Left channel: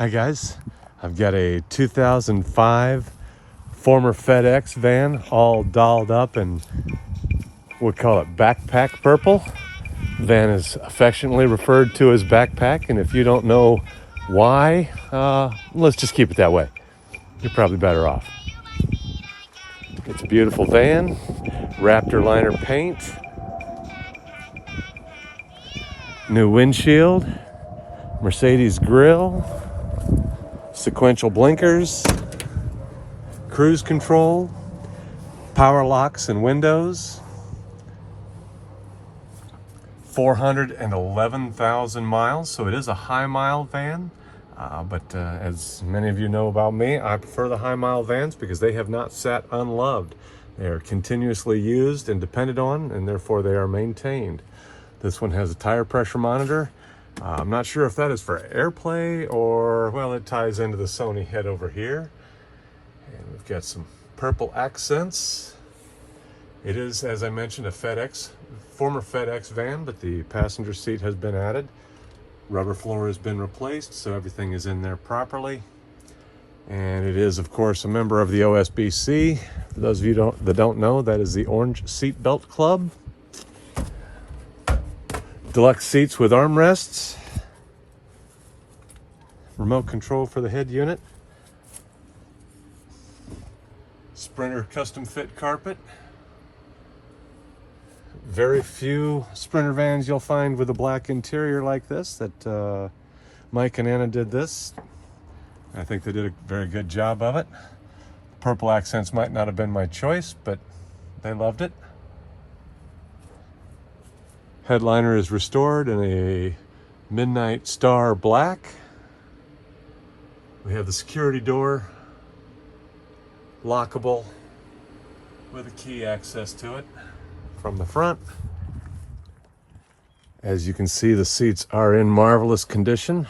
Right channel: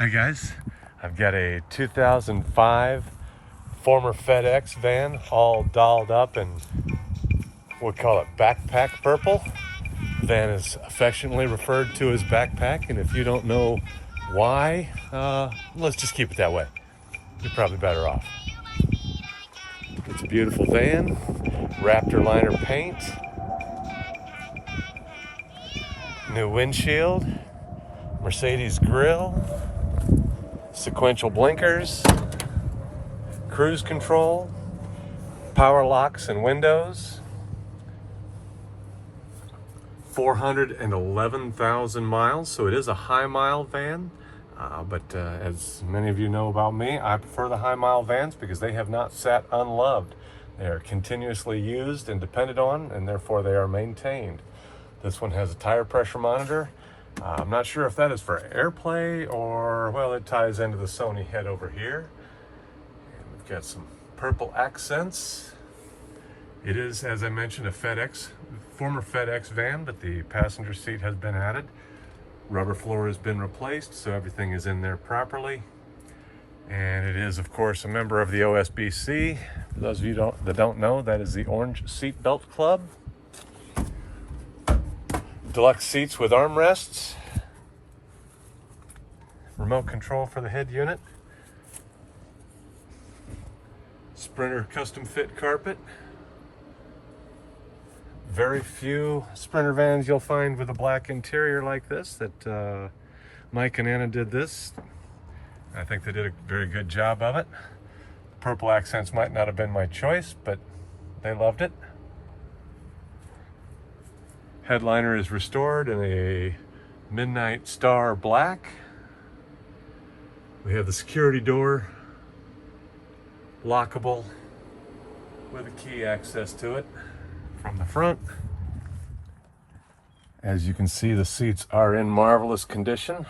Hi guys, I've got a 2005 former FedEx van all dolled up in, we call it backpack purple. The van is affectionately referred to as backpack, and if you don't know why, let's just keep it that way. You're probably better off. It's a beautiful van, Raptor liner paint, new windshield, Mercedes grille, sequential blinkers, cruise control, power locks and windows, 411,000 miles, so it is a high mile van. But as many of you know about me, I prefer the high mile vans because they have not sat unloved. They are continuously used and depended on, and therefore they are maintained. This one has a tire pressure monitor. I'm not sure if that is for AirPlay or, well, it ties into the Sony head over here. And we've got some purple accents. It is, as I mentioned, a former FedEx van, but the passenger seat has been added. Rubber floor has been replaced, so everything is in there properly. And it is, of course, a member of the OSBC. For those of you that don't know, that is the Orange Seatbelt Club. Deluxe seats with armrests, remote control for the head unit, Sprinter custom fit carpet. Very few Sprinter vans you'll find with a black interior like this. That Mike and Anna did this. I think they did a very good job of it. Purple accents might not have been my choice, but they loved it. Headliner is restored in a midnight star black. We have the security door, lockable with a key access to it from the front. As you can see, the seats are in marvelous condition.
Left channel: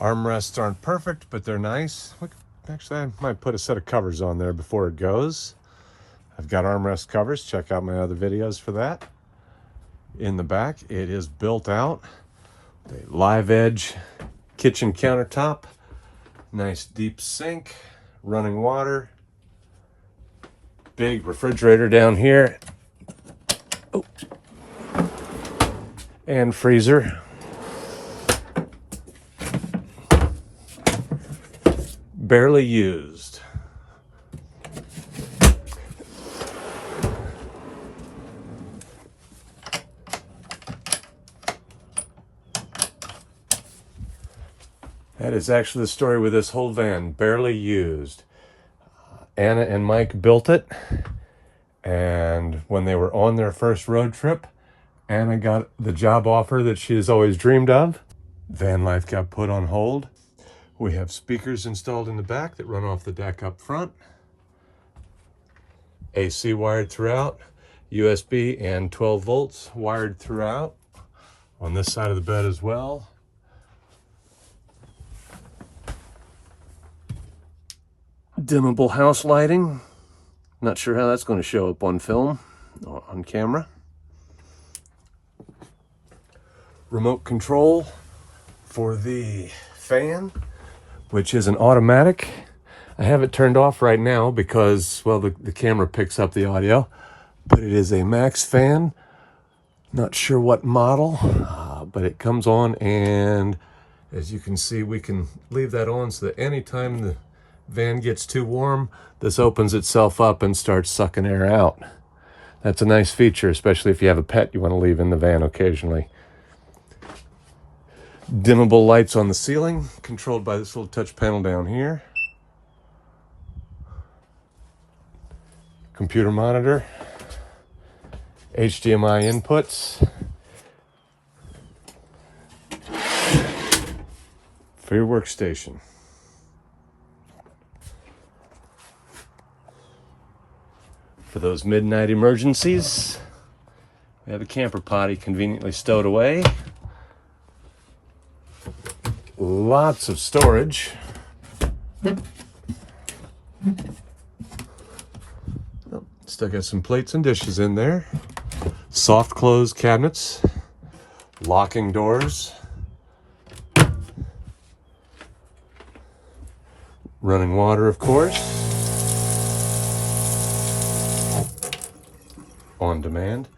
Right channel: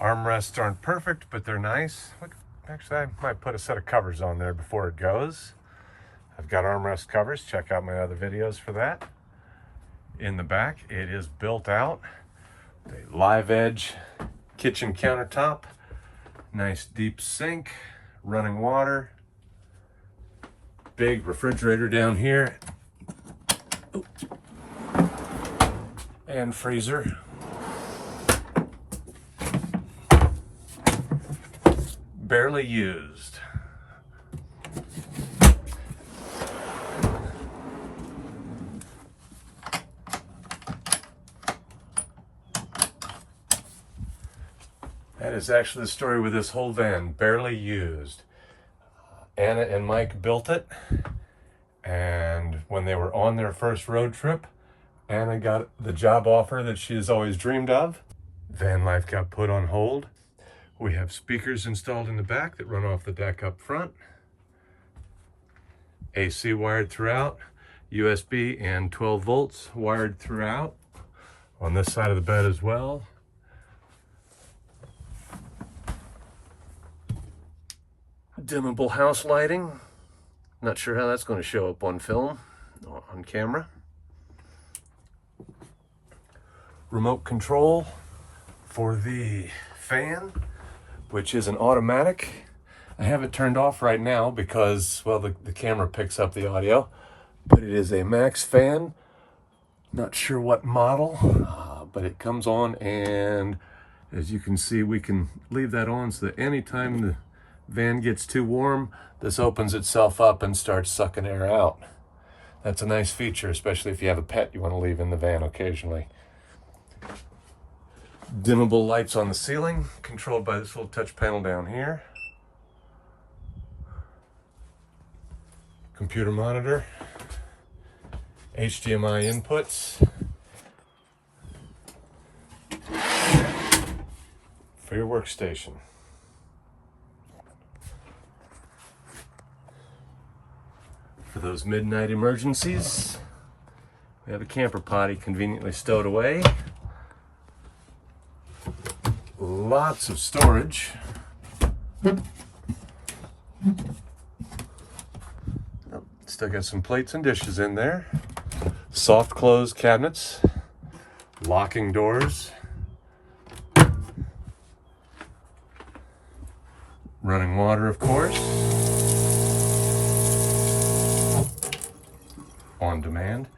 Armrests aren't perfect, but they're nice. Actually, I might put a set of covers on there before it goes. I've got armrest covers. Check out my other videos for that. In the back, it is built out. A live edge kitchen countertop, nice deep sink, running water, big refrigerator down here, and freezer. Barely used. That is actually the story with this whole van, barely used. Anna and Mike built it, and when they were on their first road trip, Anna got the job offer that she has always dreamed of. Van life got put on hold. We have speakers installed in the back that run off the deck up front. AC wired throughout, USB and 12 volts wired throughout. On this side of the bed as well. Dimmable house lighting. Not sure how that's going to show up on film or on camera. Remote control for the fan, which is an automatic. I have it turned off right now because, well, the camera picks up the audio, but it is a max fan. Not sure what model, but it comes on, and as you can see, we can leave that on so that anytime the van gets too warm, this opens itself up and starts sucking air out. That's a nice feature, especially if you have a pet you want to leave in the van occasionally. Dimmable lights on the ceiling, controlled by this little touch panel down here. Computer monitor, HDMI inputs for your workstation. For those midnight emergencies, we have a camper potty conveniently stowed away. Lots of storage. Still got some plates and dishes in there. Soft close cabinets, locking doors, Running water, of course. On demand.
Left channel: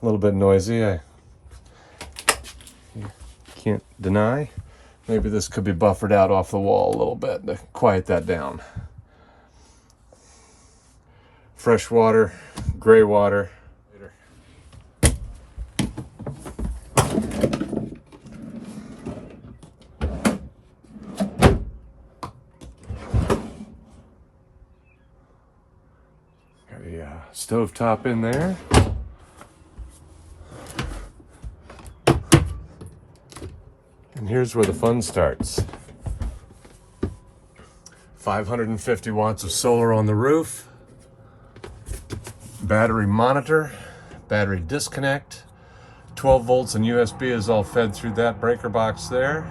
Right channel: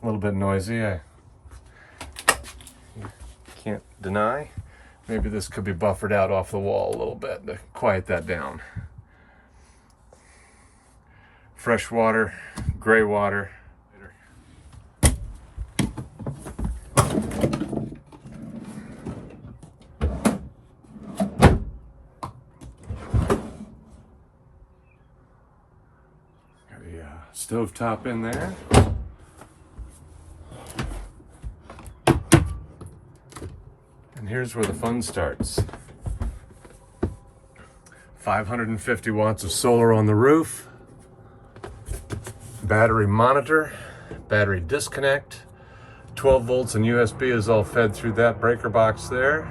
A little bit noisy, I can't deny. Maybe this could be buffered out off the wall a little bit to quiet that down. Fresh water, gray water. Got a stove top in there. And here's where the fun starts. 550 watts of solar on the roof. Battery monitor, battery disconnect. 12 volts and USB is all fed through that breaker box there.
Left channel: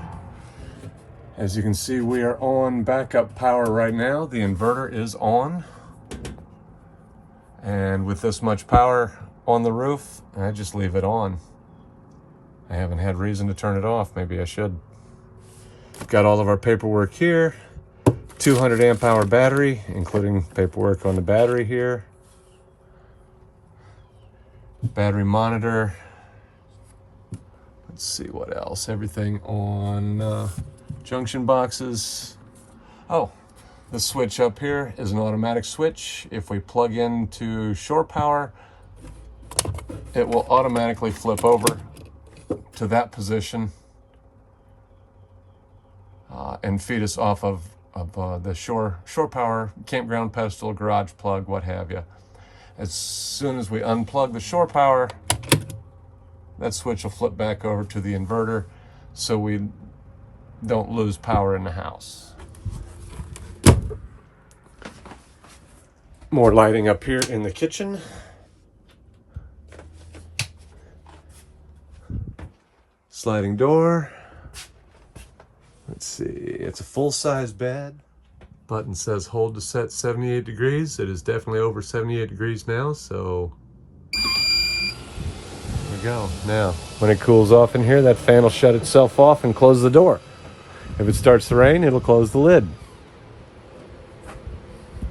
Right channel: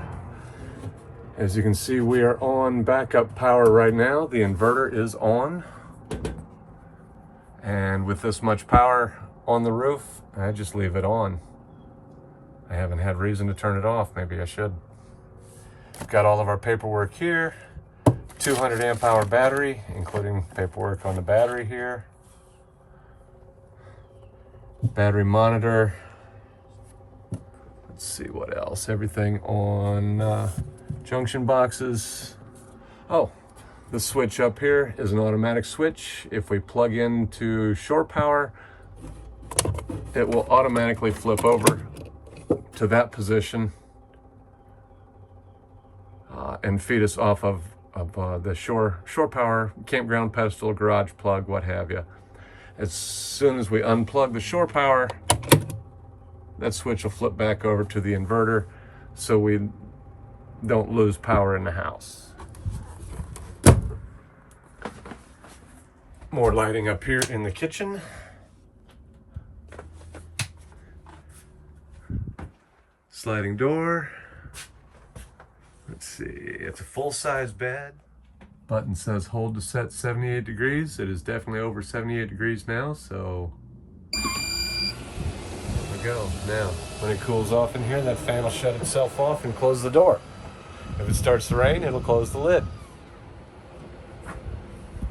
As you can see, we are on backup power right now. The inverter is on. And with this much power on the roof, I just leave it on. I haven't had reason to turn it off. Maybe I should. Got all of our paperwork here. 200 amp hour battery, including paperwork on the battery here. Battery monitor. Let's see what else. Everything on junction boxes. Oh, the switch up here is an automatic switch. If we plug into shore power, it will automatically flip over to that position and feed us off of the shore power, campground pedestal, garage plug, what have you. As soon as we unplug the shore power, that switch will flip back over to the inverter so we don't lose power in the house. More lighting up here in the kitchen. Sliding door. Let's see, it's a full-size bed. Button says hold to set 78 degrees. It is definitely over 78 degrees now, so there you go. Now, when it cools off in here, that fan will shut itself off and close the door. If it starts to rain, it'll close the lid.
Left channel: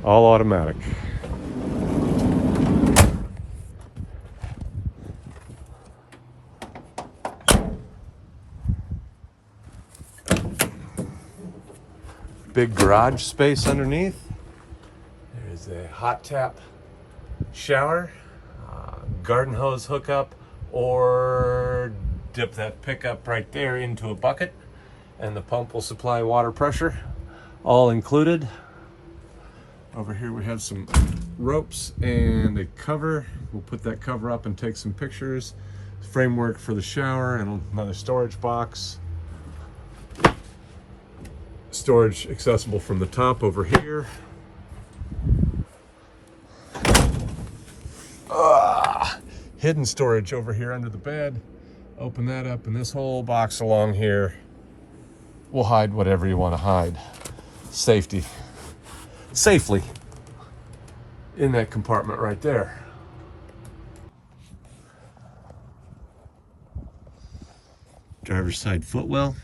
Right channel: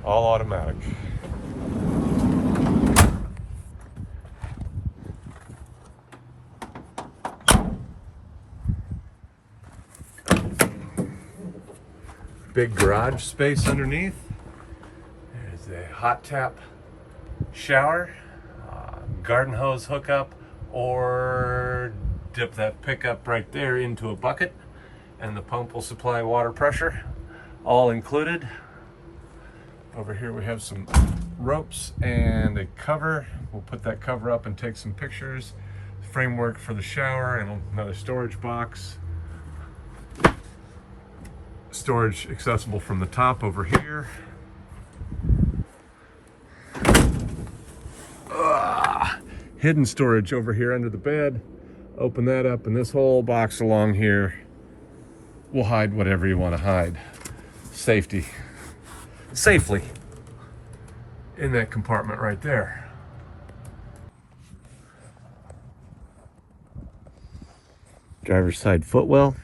All automatic. Big garage space underneath. There's a hot tap shower, garden hose hookup, or dip that pickup right there into a bucket and the pump will supply water pressure, all included. Over here we have some ropes and a cover. We'll put that cover up and take some pictures. Framework for the shower and another storage box. Storage accessible from the top over here. Hidden storage over here under the bed. Open that up and this whole box along here will hide whatever you want to hide. Safely in that compartment right there. Driver's side footwell.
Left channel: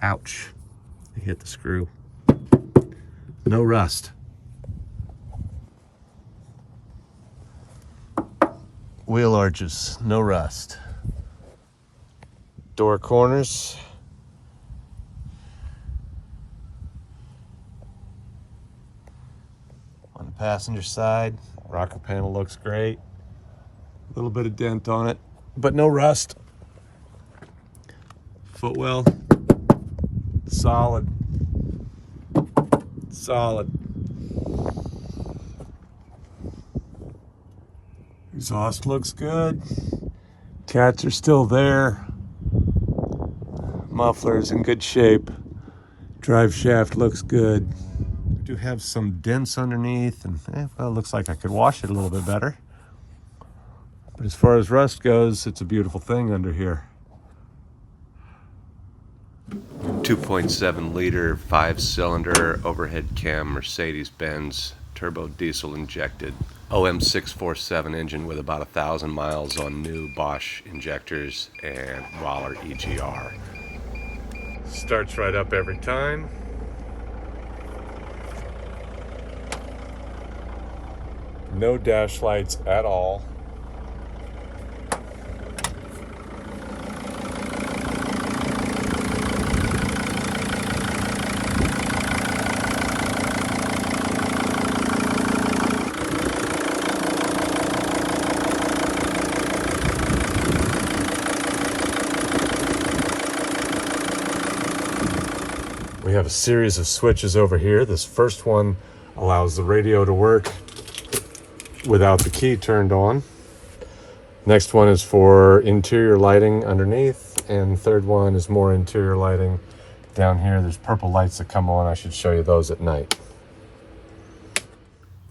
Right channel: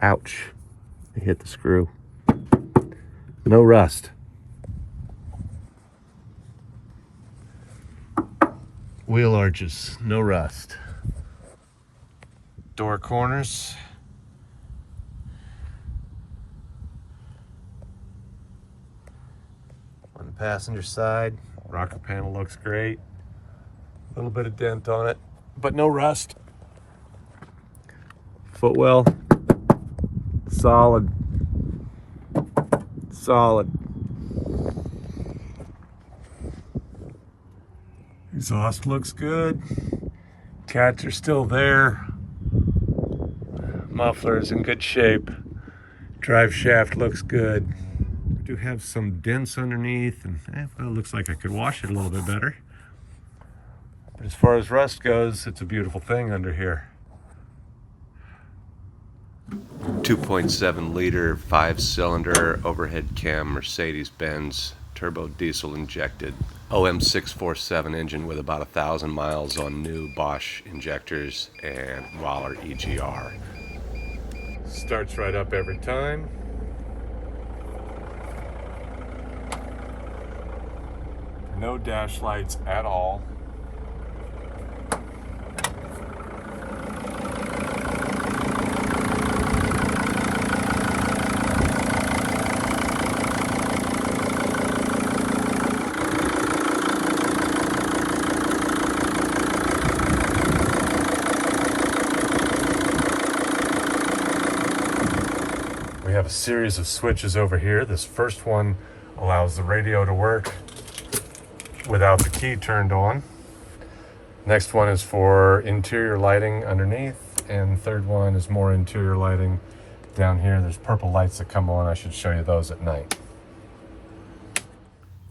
Ouch, I hit the screw. No rust. Wheel arches, no rust. Door corners. On the passenger side, rocker panel looks great. A little bit of dent on it, but no rust. Footwell. Solid. Exhaust looks good. Cats are still there. Muffler is in good shape. Drive shaft looks good. I do have some dents underneath, and well, it looks like I could wash it a little bit better. But as far as rust goes, it's a beautiful thing under here. 2.7 liter, 5-cylinder overhead cam Mercedes-Benz turbo diesel injected OM647 engine with about 1,000 miles on new Bosch injectors and Waller EGR. Starts right up every time. No dash lights at all. We have a series of switches over here. This first one allows the radio to work without the key turned on. Next one is for interior lighting underneath, and the third one is more interior lighting down here. There's purple lights that come on. I should show you those at night.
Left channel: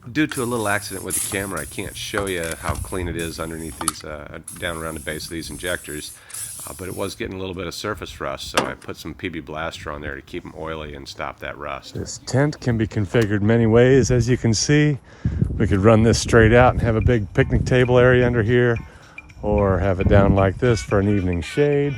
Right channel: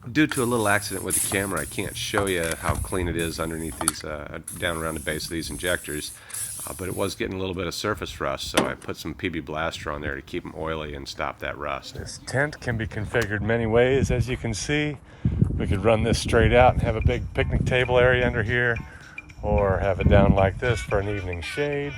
Due to a little accident with the camera, I can't show you how clean it is underneath these, down around the base of these injectors, but it was getting a little bit of surface rust, so I put some PB Blaster on there to keep them oily and stop that rust. This tent can be configured many ways, as you can see. We could run this straight out and have a big picnic table area under here, or have it down like this for an evening shade.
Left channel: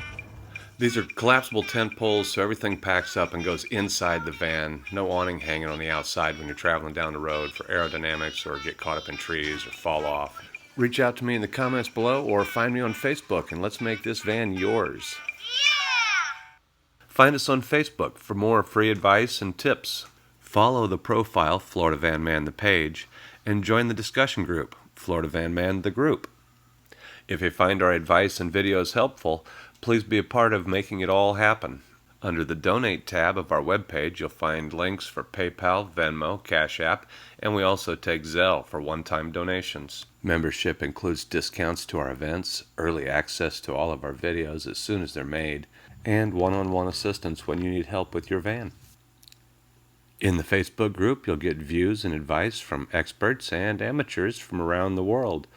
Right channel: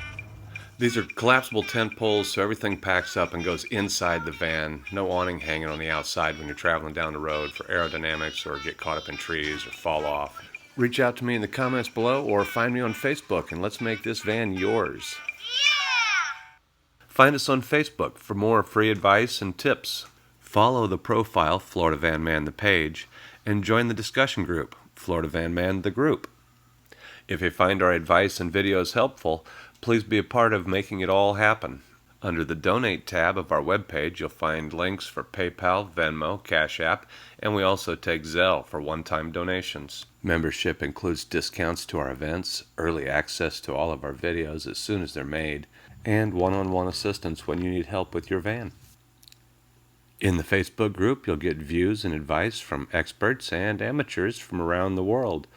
These are collapsible tent poles, so everything packs up and goes inside the van. No awning hanging on the outside when you're traveling down the road for aerodynamics or get caught up in trees or fall off. Reach out to me in the comments below or find me on Facebook and let's make this van yours. Find us on Facebook for more free advice and tips. Follow the profile Florida Van Man the page and join the discussion group Florida Van Man the group. If you find our advice and videos helpful, please be a part of making it all happen. Under the Donate tab of our webpage, you'll find links for PayPal, Venmo, Cash App, and we also take Zelle for one-time donations. Membership includes discounts to our events, early access to all of our videos as soon as they're made, and one-on-one assistance when you need help with your van. In the Facebook group, you'll get views and advice from experts and amateurs from around the world.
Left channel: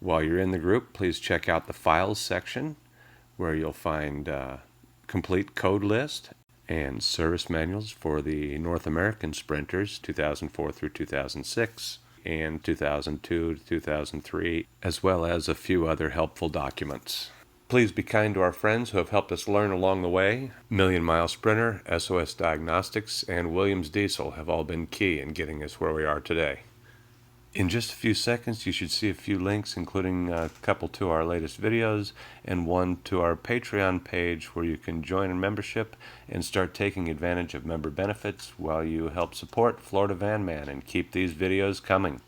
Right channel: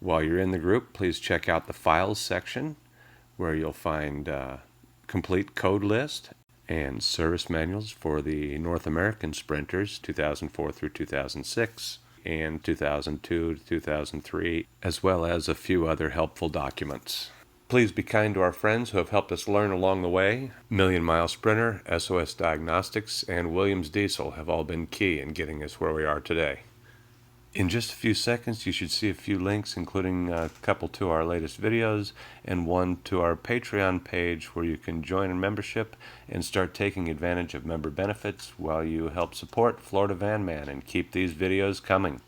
While you're in the group, please check out the Files section, where you'll find complete code list and service manuals for the North American Sprinters 2004 through 2006 and 2002 to 2003, as well as a few other helpful documents. Please be kind to our friends who have helped us learn along the way. Million Mile Sprinter, SOS Diagnostics, and Williams Diesel have all been key in getting us where we are today. In just a few seconds, you should see a few links, including a couple to our latest videos and one to our Patreon page where you can join a membership and start taking advantage of member benefits while you help support Florida Van Man and keep these videos coming.